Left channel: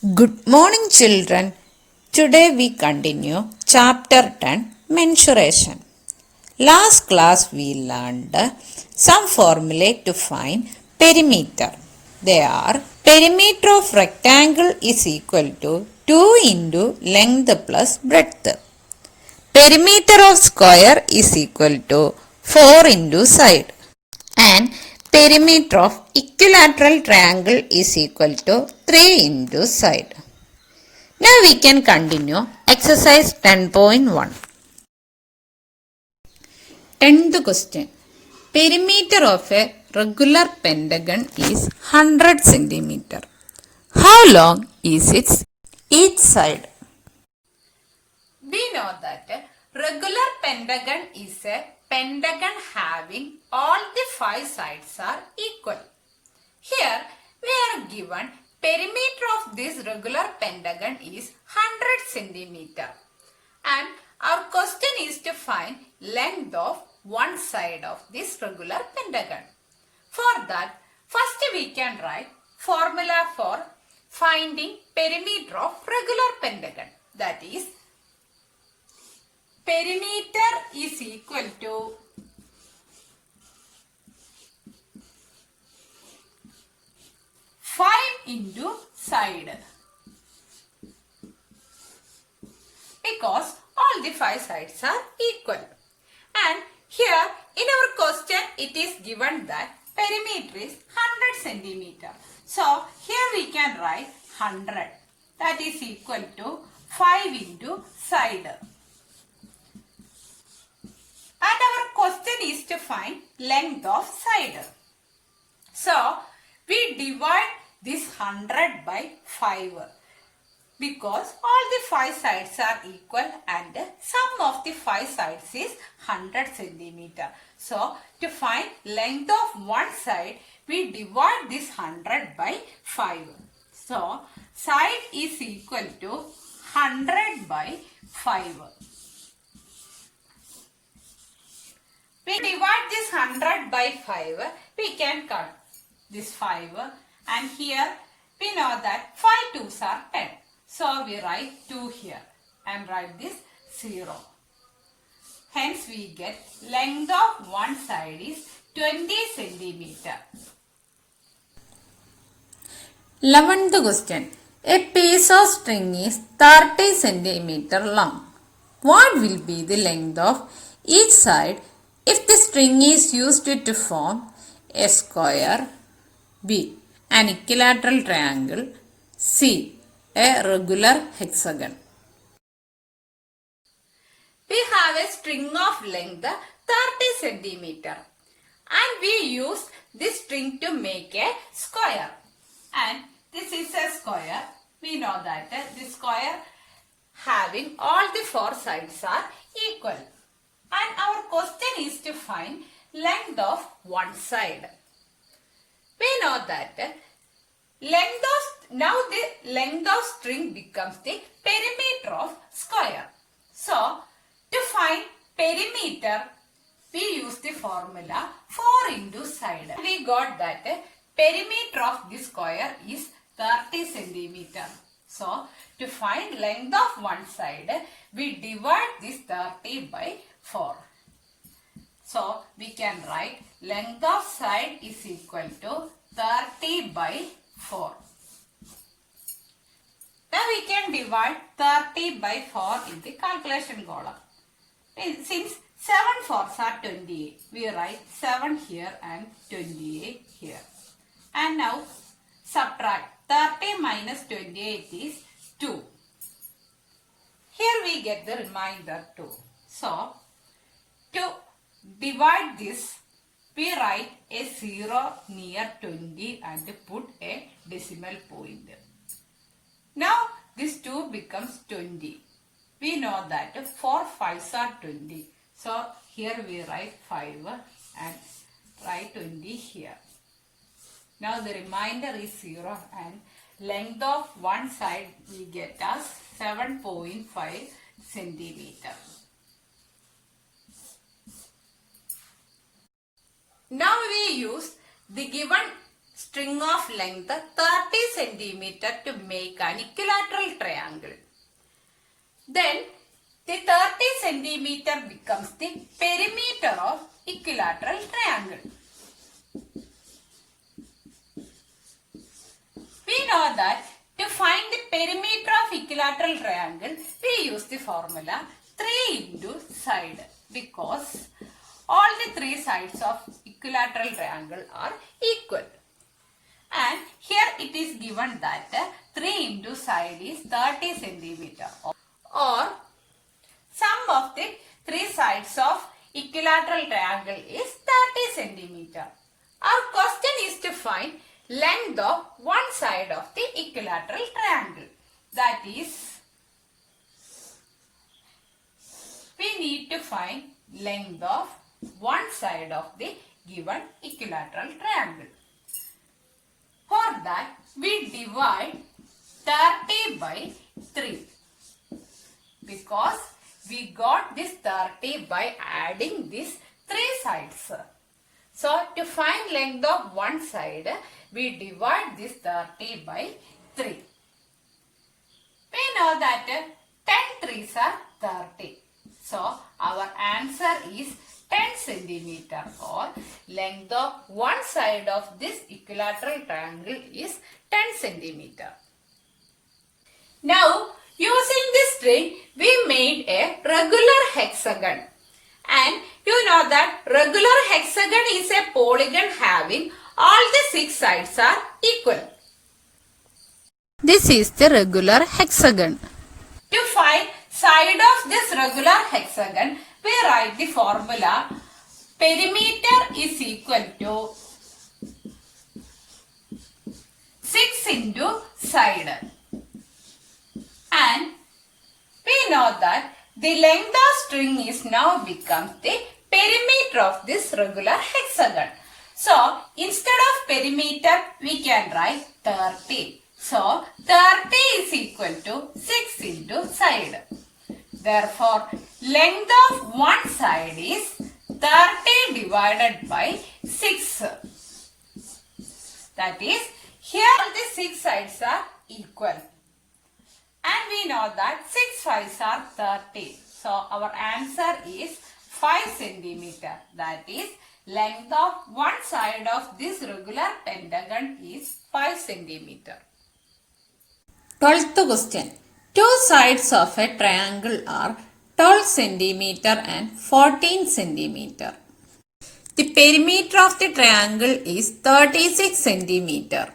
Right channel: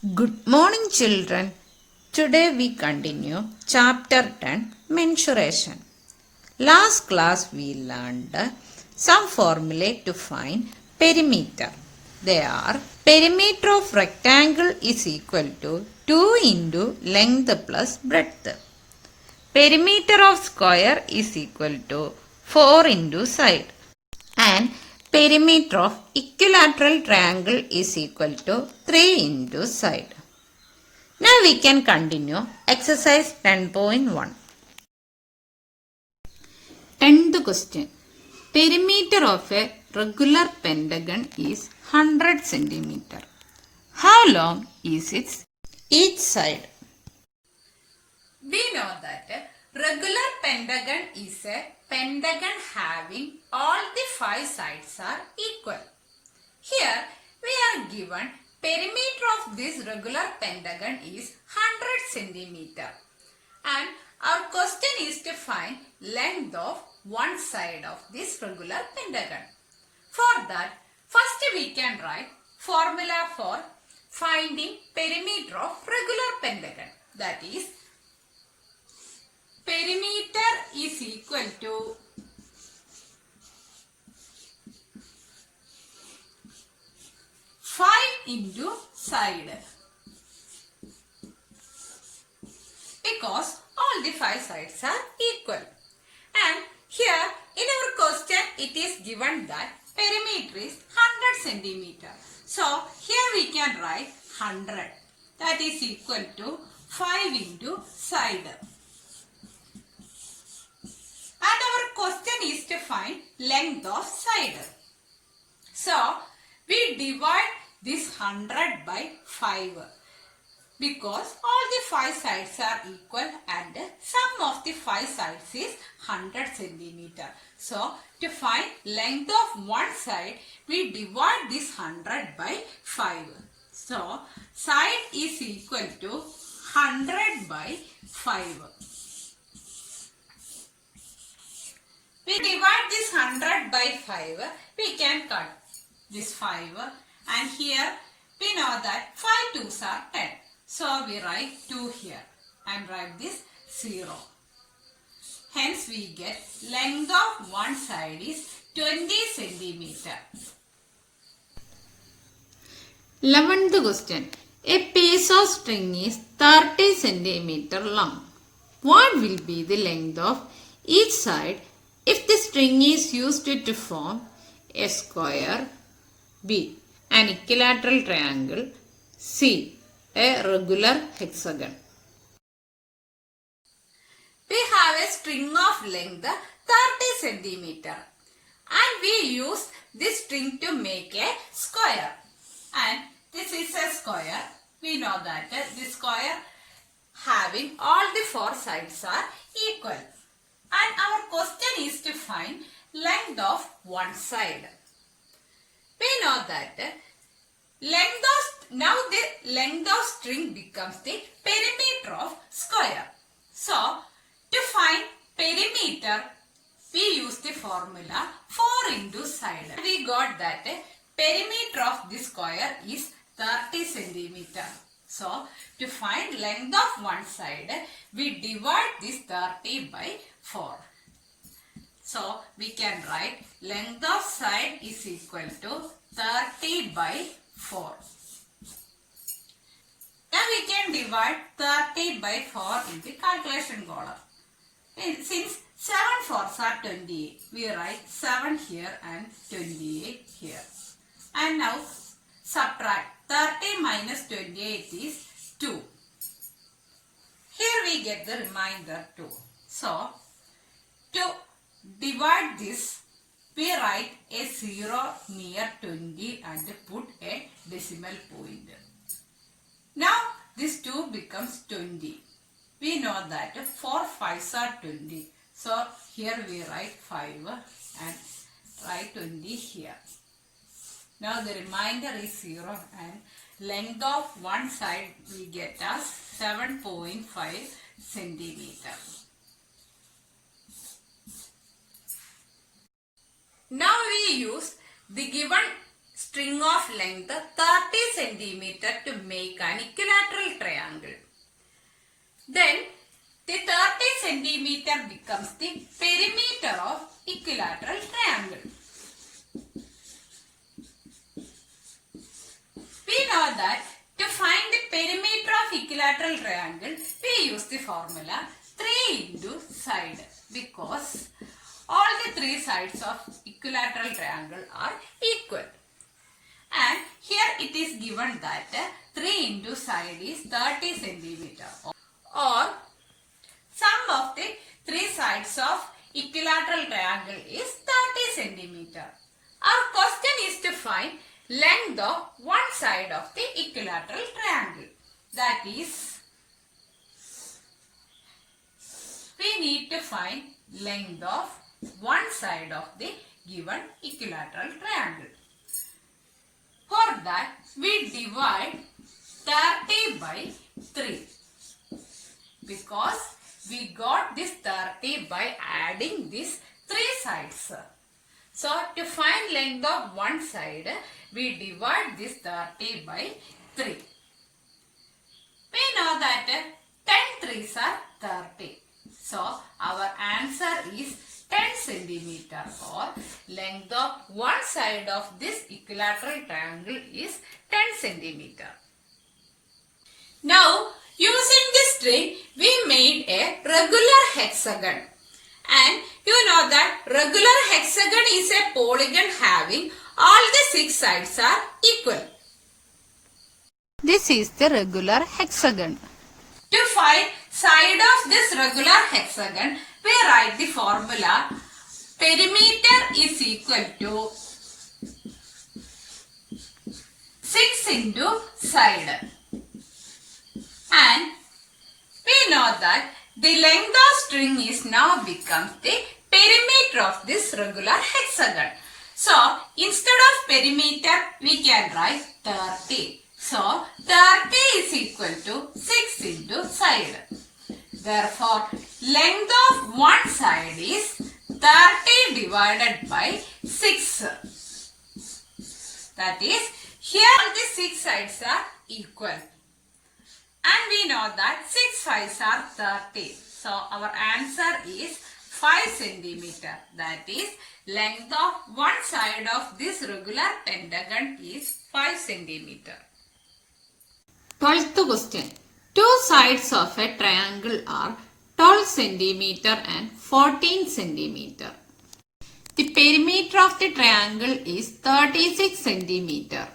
Good morning, children. Today we continue chapter 10 Mensuration. Last class we learned some formulae to find perimeter. They are perimeter of rectangle is equal to 2 into length plus breadth. Perimeter of square is equal to 4 into side. And perimeter of equilateral triangle is equal to 3 into side. Now we can continue exercise 10.1. 10th question. Perimeter of a regular pentagon is 100 cm. How long is its each side? We know that regular pentagon is a pentagon having all the 5 sides are equal. Here we are given perimeter of this regular pentagon is 100 cm and our question is to find length of one side of this regular pentagon. For that, first we can write formula for finding perimeter of regular pentagon, that is perimeter is equal to into side, because all the 5 sides are equal. And here in our question it is given that perimeter is 100 centimeter. So here we can write 100, that is equal to 5 into side. And our question is to find length of side. So we divide this 100 by 5 because all the 5 sides are equal and sum of the 5 sides is 100 centimeter. So to find length of one side, we divide this 100 by 5. So side is equal to 100 by 5. We divide this 100 by 5, we can cut this 5 and here we know that 5 2s are 10. So we write 2 here and write this 0. Hence we get length of one side is 20 centimeter. 11th question. A piece of string is 30 centimeter long. What will be the length of each side if the string is used to form a square B, an equilateral triangle C, a regular hexagon? We have a string of length 30 centimeter and we use this string to make a square. And this is a square. We know that this square having all the 4 sides are equal. And our question is to find length of one side. We know that now the length of string becomes the perimeter of square. So to find perimeter, we use the formula 4 into side. We got that perimeter of this square is 30 centimeter. So to find length of one side, we divide this 30 by 4. So we can write length of side is equal to 30 by 4. Now we can divide 30 by 4 in the calculation column. Since 7 4s are 28, we write 7 here and 28 here. And now subtract 30 minus 28 is 2. Here we get the remainder 2. So to divide this, we write a 0 near 20 and put a decimal point. Now this 2 becomes 20. We know that 4 5s are 20. So here we write 5 and write 20 here. Now the remainder is 0 and length of one side we get as 7.5 centimeter. Now we use the given string of length 30 centimeter to make an equilateral triangle. Then the 30 centimeter becomes the perimeter of equilateral triangle. We know that to find the perimeter of equilateral triangle, we use the formula 3 into side, because all the 3 sides of equilateral triangle are equal. And here it is given that 3 into side is 30 centimeter, or sum of the 3 sides of equilateral triangle is 30 centimeter. Our question is to find length of one side of the equilateral triangle. That is, we need to find length of one side of the given equilateral triangle. For that, we divide 30 by 3, because we got this 30 by adding these 3 sides. So, to find length of one side, we divide this 30 by 3. We know that 10 threes are 30. So, our answer is 10 centimeter, or length of one side of this equilateral triangle is 10 centimeter. Now, using this string, we made a regular hexagon. And you know that regular hexagon is a polygon having all the 6 sides are equal. This is the regular hexagon. To find side of this regular hexagon, we write the formula perimeter is equal to 6 into side. And we know that the length of string is now becomes the perimeter of this regular hexagon. So, instead of perimeter, we can write 30. So, 30 is equal to 6 into side. Therefore, length of one side is 30 divided by 6. That is, here all the 6 sides are equal. And we know that 6 5s are 30. So, our answer is 5 centimeter. That is, length of one side of this regular pentagon is 5 centimeter. 12th question. Two sides of a triangle are 12 centimeter and 14 centimeter. The perimeter of the triangle is 36 centimeter.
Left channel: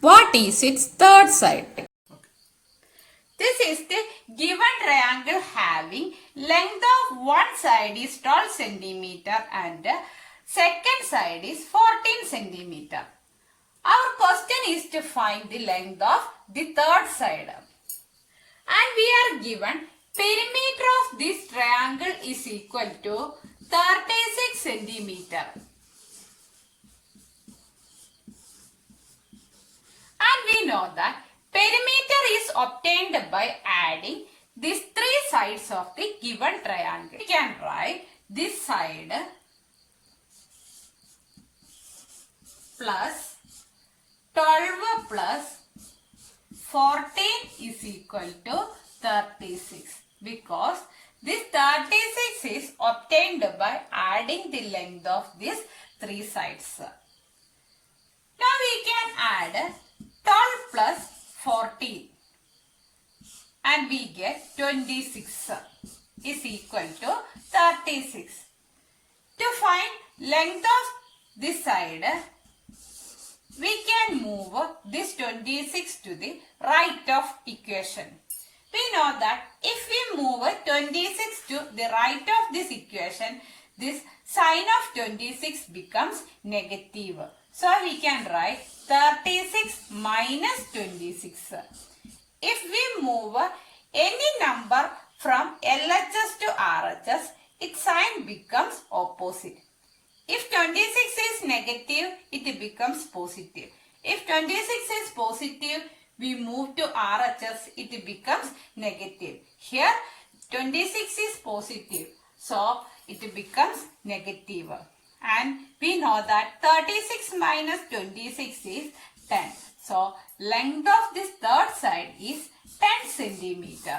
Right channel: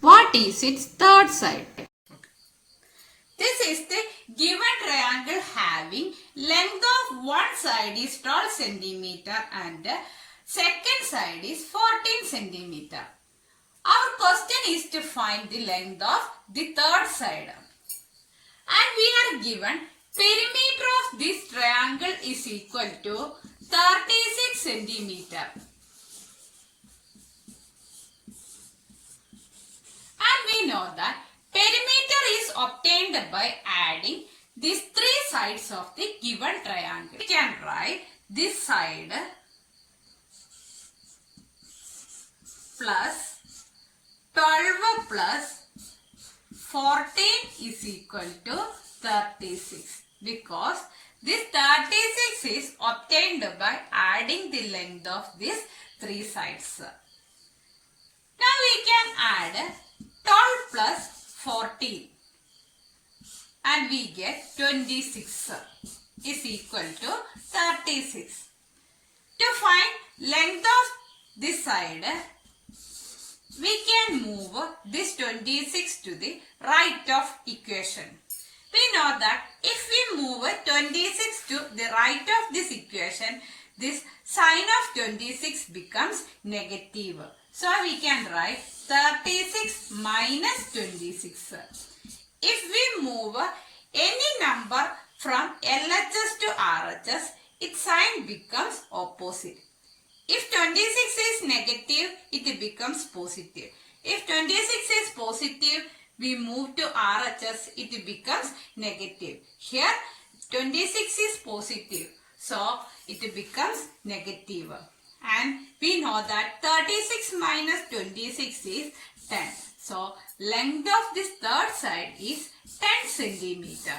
What is its third side? This is the given triangle having length of one side is 12 centimeter and second side is 14 centimeter. Our question is to find the length of the third side. And we are given perimeter of this triangle is equal to 36 centimeter. And we know that perimeter is obtained by adding these 3 sides of the given triangle. We can write this side plus 12 plus 14 is equal to 36, because this 36 is obtained by adding the length of these 3 sides. Now we can add 12 plus 14 and we get 26 is equal to 36. To find length of this side, we can move this 26 to the right of equation. We know that if we move 26 to the right of this equation, this sign of 26 becomes negative. So we can write 36 minus 26. If we move any number from LHS to RHS, its sign becomes opposite. If 26 is negative, it becomes positive. If 26 is positive, we move to RHS, it becomes negative. Here, 26 is positive, so it becomes negative. And we know that 36 minus 26 is 10. So, length of this third side is 10 centimeter.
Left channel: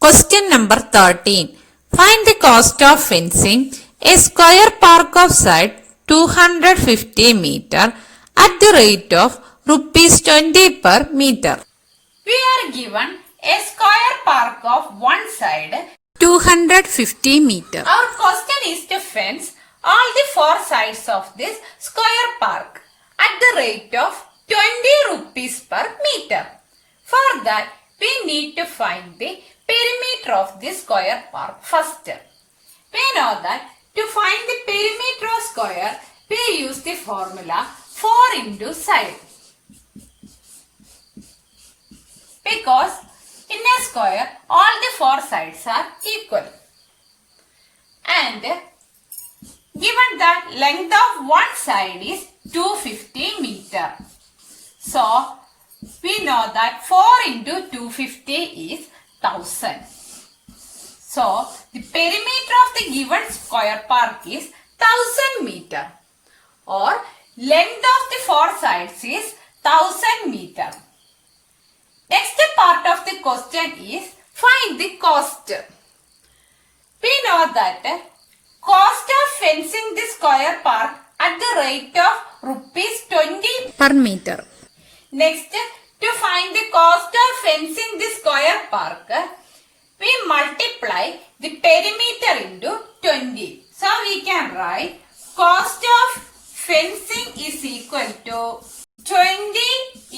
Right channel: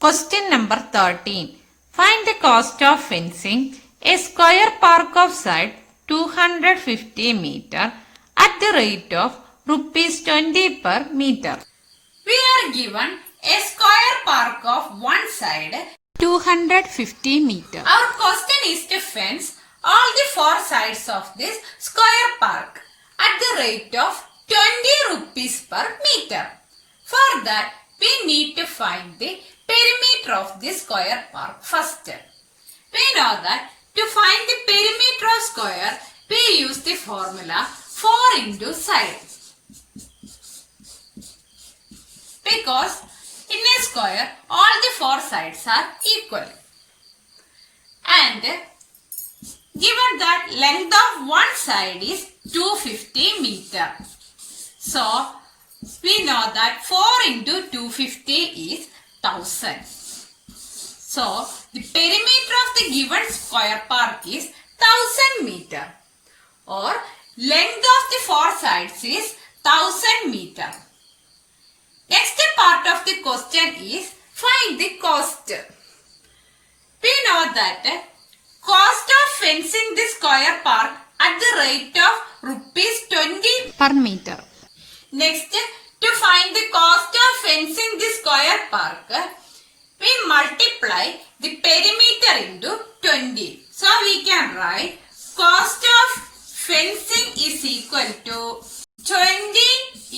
Question number 13. Find the cost of fencing a square park of side 250 meter at the rate of rupees 20 per meter. We are given a square park of one side 250 meter. Our question is to fence all the four sides of this square park at the rate of 20 rupees per meter. For that, we need to find the perimeter of this square park first. We know that to find the perimeter of square, we use the formula 4 into side. Because in a square, all the four sides are equal. And given that length of one side is 250 meter. So, we know that 4 into 250 is 1000. So, the perimeter of the given square park is 1000 meter. Or length of the four sides is 1000 meter. Next part of the question is find the cost. We know that cost of fencing the square park at the rate of rupees 20 per meter. Next, to find the cost of fencing the square park, we multiply the perimeter into 20. So, we can write cost of fencing is equal to 20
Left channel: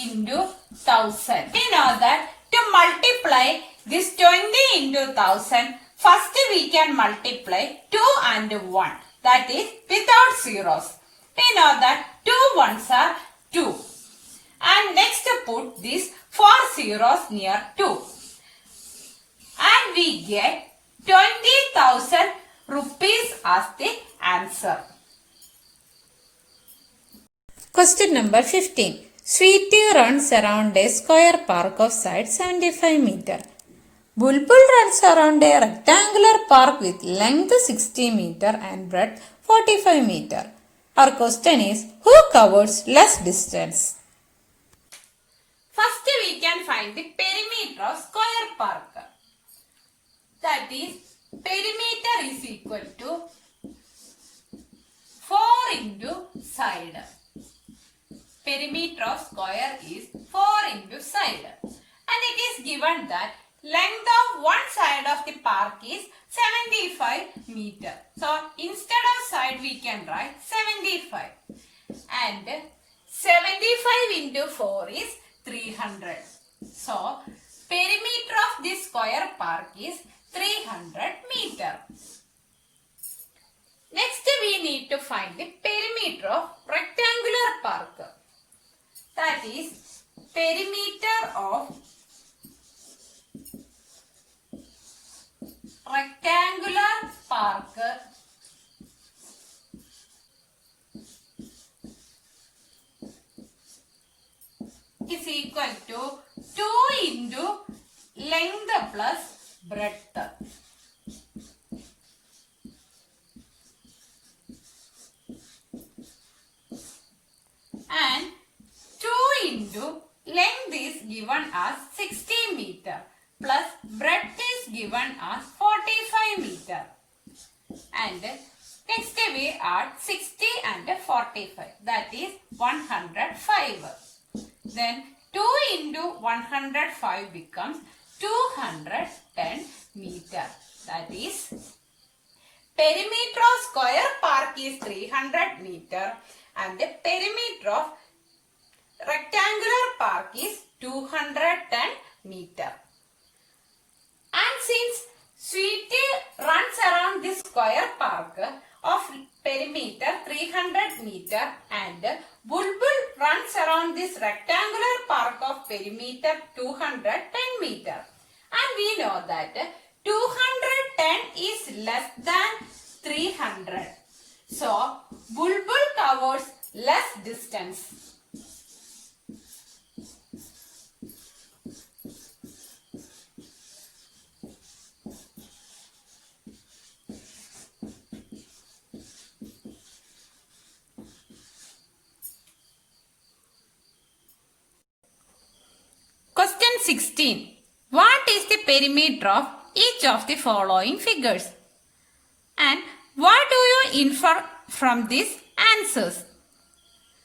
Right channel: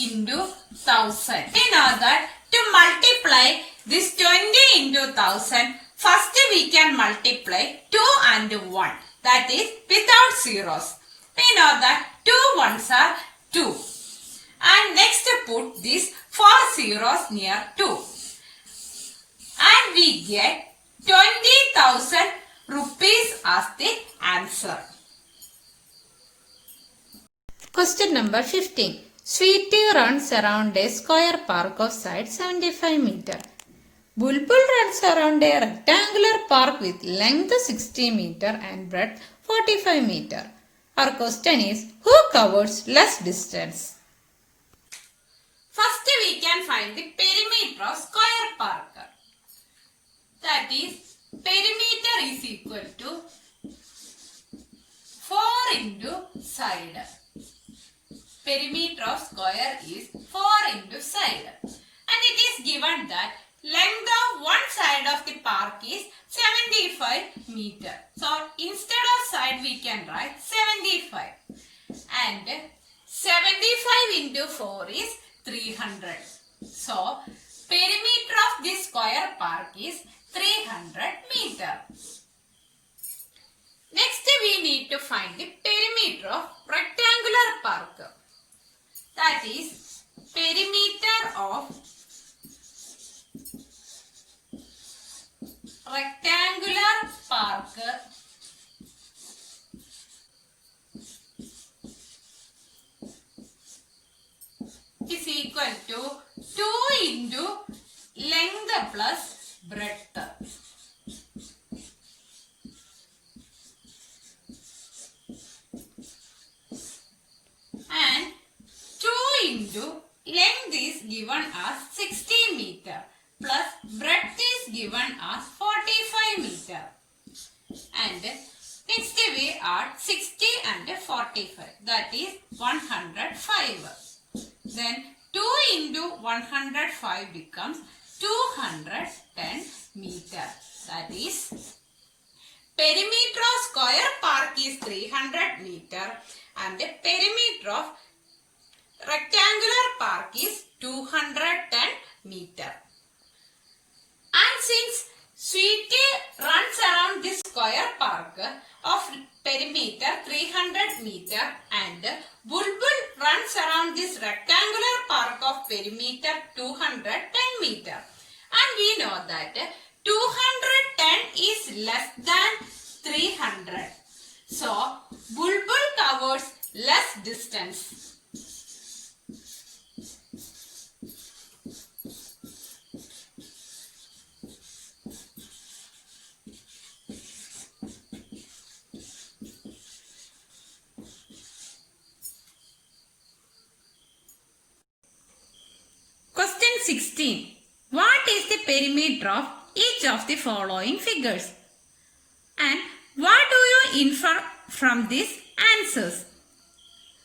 into 1000. We know that to multiply this 20 into 1000, first we can multiply 2 and 1. That is without zeros. We know that 2 ones are 2. And next put these 4 zeros near 2. And we get 20,000 rupees as the answer. Question number 15. Sweetie runs around a square park of side 75 meter. Bulbul runs around a rectangular park with length 60 meter and breadth 45 meter. Our question is, who covers less distance? First we can find the perimeter of square park. That is, perimeter is equal to 4 into side. Perimeter of square is 4 into side. And it is given that length of one side of the park is 75 meter. So, instead of side we can write 75. And 75 into 4 is 300. So, perimeter of this square park is 300 meter. Next we need to find the perimeter of rectangular park. That is perimeter of rectangular park is equal to 2 into length plus breadth. And 2 into length is given as 60 meter plus breadth is given as 45 meter. And next we add 60 and 45, that is 105. Then 2 into 105 becomes 210 meter. That is, perimeter of square park is 300 meter and the perimeter of rectangular park is 210 meter. And since Sweetie runs around this square park of perimeter 300 meter and Bulbul runs around this rectangular park of perimeter 210 meter. And we know that 210 is less than 300. So, Bulbul covers less distance. 16. What is the perimeter of each of the following figures? And what do you infer from these answers?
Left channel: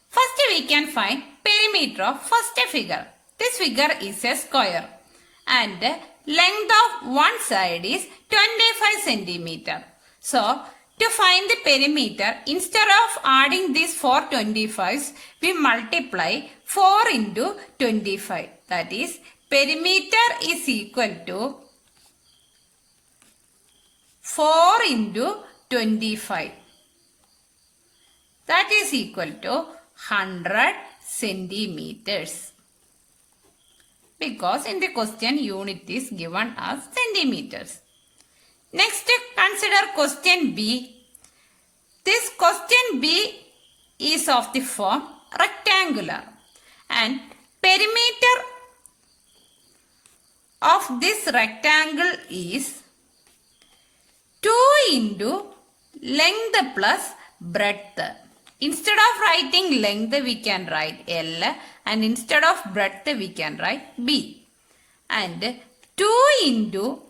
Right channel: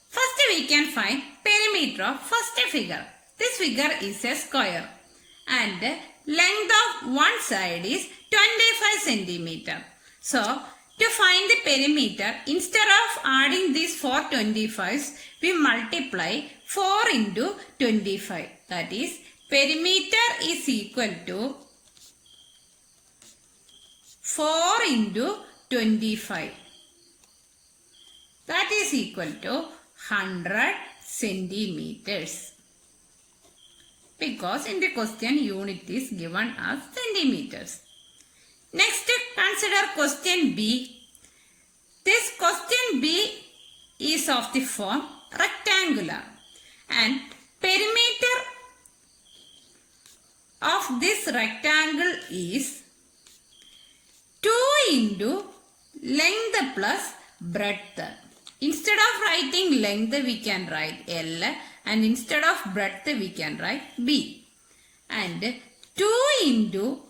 First we can find perimeter of first figure. This figure is a square and length of one side is 25 centimeter. So to find the perimeter, instead of adding these 4 25s, we multiply 4 into 25. That is, perimeter is equal to 4 into 25. That is equal to 100 centimeters. Because in the question unit is given as centimeters. Next, consider question B. This question B is of the form rectangular and perimeter of this rectangle is 2 into length plus breadth. Instead of writing length, we can write L, and instead of breadth, we can write B. And 2 into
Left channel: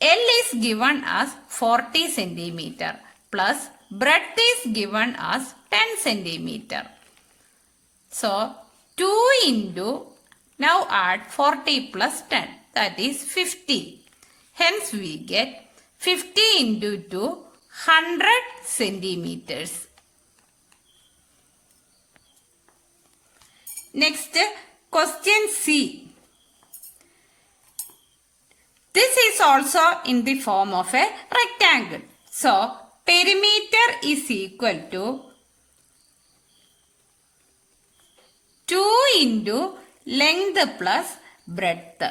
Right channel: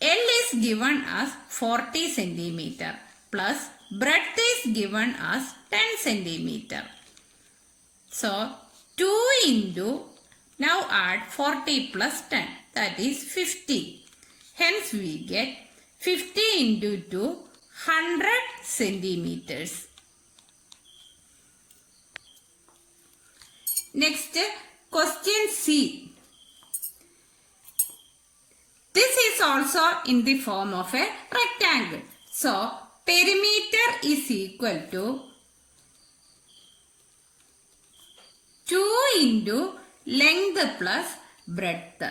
L is given as 40 centimeter plus breadth is given as 10 centimeter. So 2 into, now add 40 plus 10, that is 50. Hence we get 50 into 2, 100 centimeters. Next, question C. This is also in the form of a rectangle. So, perimeter is equal to 2 into length plus breadth.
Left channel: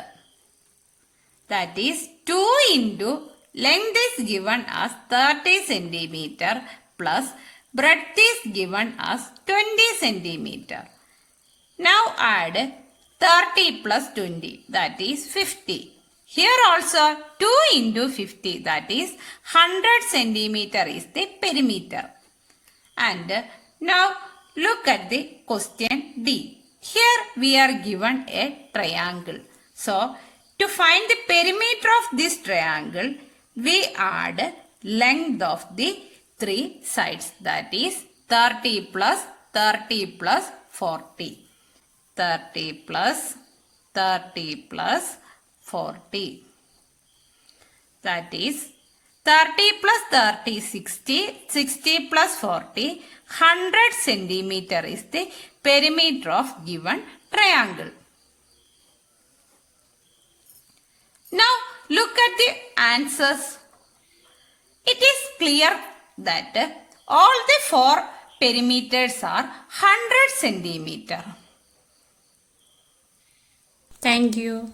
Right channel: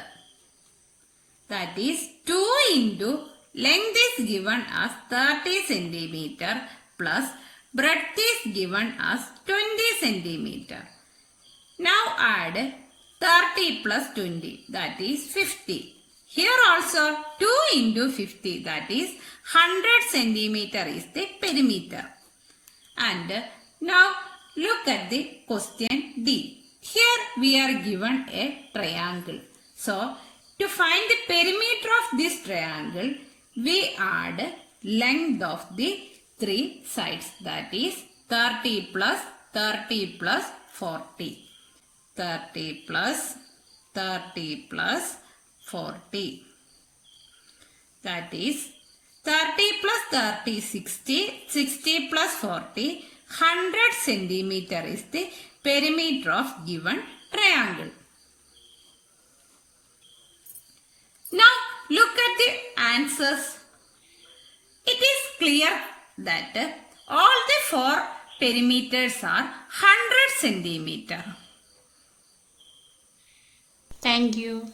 That is 2 into length is given as 30 centimeter plus breadth is given as 20 centimeter. Now add 30 plus 20, that is 50. Here also 2 into 50, that is 100 centimeter is the perimeter. And now look at the question D. Here we are given a triangle. So to find the perimeter of this triangle, we add length of the 3 sides, that is 30 plus 30 plus 40. 30 plus 30 plus 40. That is 30 plus 30 60, 60 plus 40, 100 centimeter is the perimeter of given triangle. Now look at the answers. It is clear that all the 4 perimeters are 100 centimeter. Thank you.